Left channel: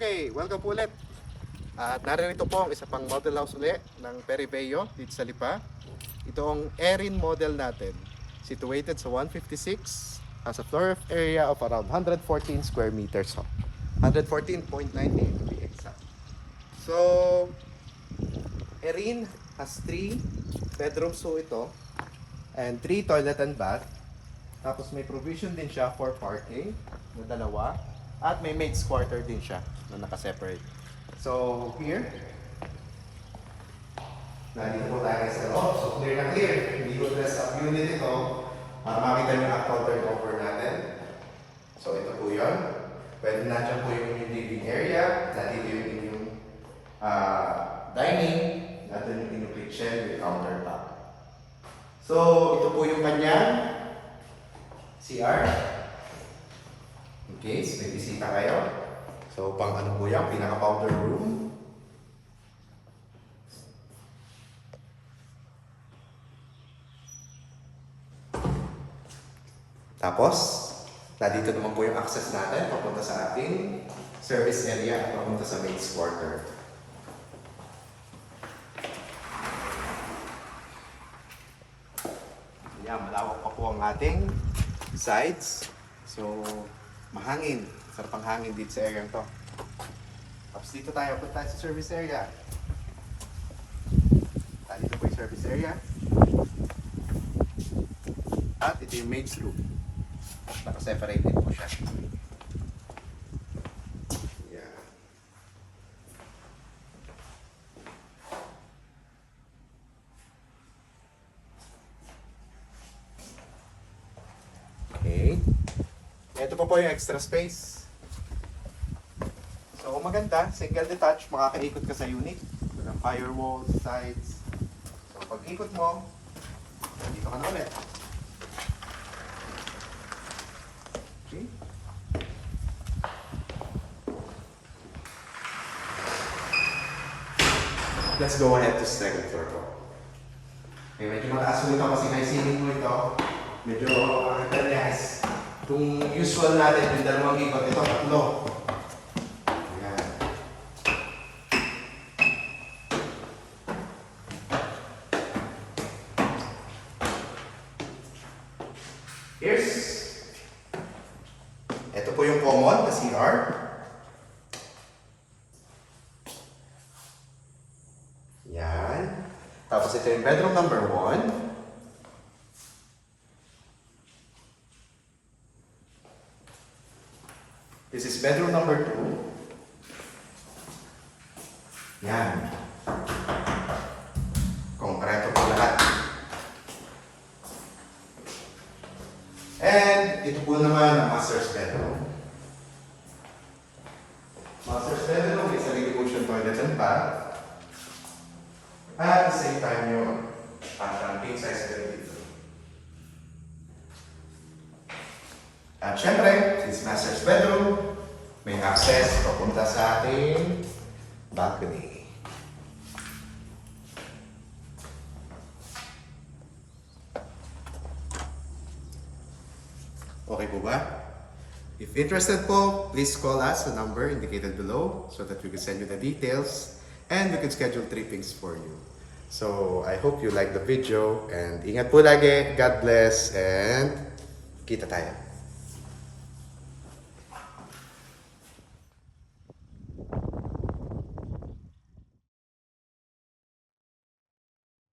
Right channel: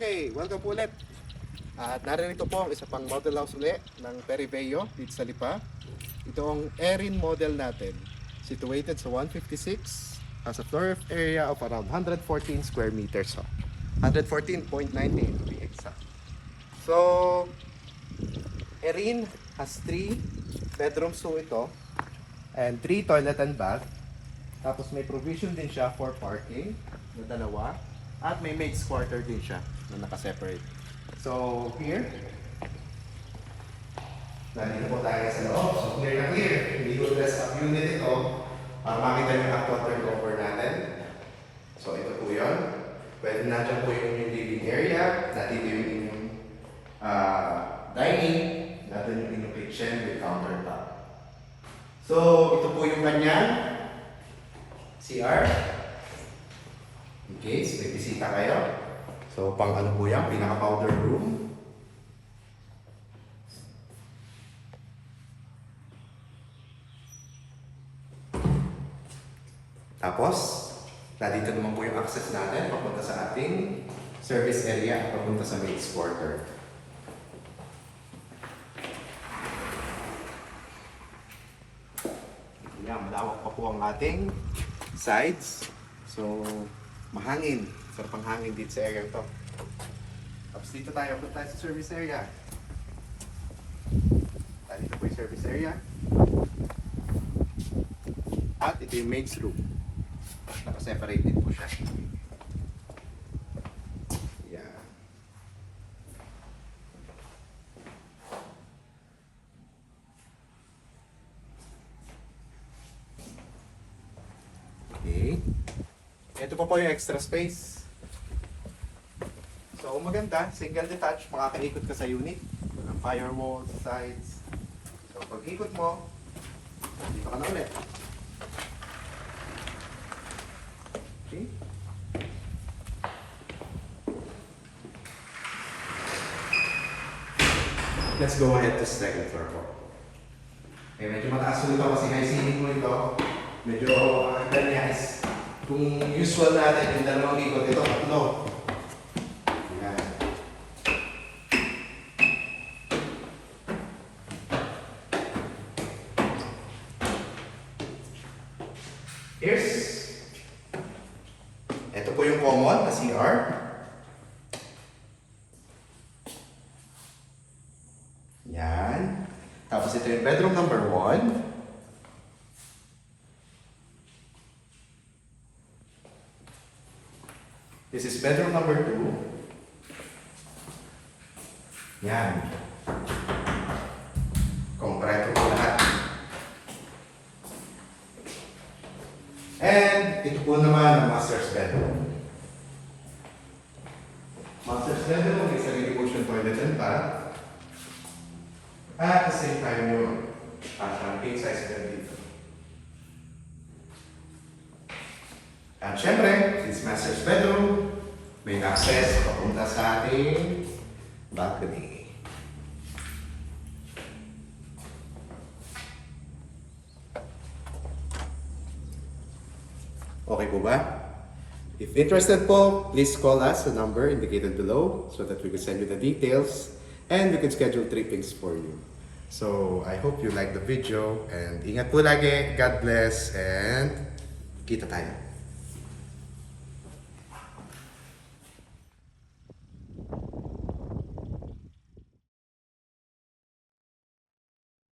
Okay, welcome po ulit. At narito po ang isa pang model house ulit ng Peribeo dito sa Lipa. Ito ang Erin model natin. Situated sa 156, has a floor area of around 114 square meters. 114.98 to be exact. So, Erin has 3 bedrooms po ito and 3 toilet and bath. Tapos may provision din siya for parking na dalawa. At may maid's quarter din siya na naka-separate. So, here, nandito po tayo sa loob. So, clear na clear. Hindi ko dress up unit ito. Makita yung actual turnover natin. So, ito po yun. Pwede na dyan po yung living area. Nandito yung inyong dining. Nandito yung inyong kitchen with countertop. So, ito po yung kanyang CR. In case may bisita kayo. So, pang ano po yan, pinaka-powder room. Tapos, nandito naman po yung access natin papunta sa ating service area at papunta sa maid's quarter. Yan, malawak pa po ang ating sides. So, mahangin. Sarap ang hangin dito sa area to. Tapos dito tayo, punta tayo sa service area. Dito po yung service area. At ito yung maid's room. Naka-separate din po siya. Yeah. Okay. Ito pa po yung extra space. So kung maganda, single detached, makakaikot ka sa unit. Walang firewall, sides. So pag ikot mo, dito ka na ulit. Okay. Let's go ahead to second floor po. Okay, medyo mataas ulit ako kasi high ceiling mo ito. Medyo yes. Kung usual natin, yung dalawang ikot, ito, tatlo. Ayan. Ito po yung common na CR. Yan. Tapos ito yung bedroom number 1. This is bedroom number 2. Yan. Kompleto po lahat. And ito po naman ang master's bedroom. Master's bedroom, may sarili po siyang toilet and bath. At the same time yung king size bed dito. At syempre, since master's bedroom, may access papunta sa ating balcony. Okay po ba? If interested po, please call us the number indicated below so that we can send you the details and we can schedule trippings for you. So, I hope you like the video and ingat po lagi. God bless and kita tayo.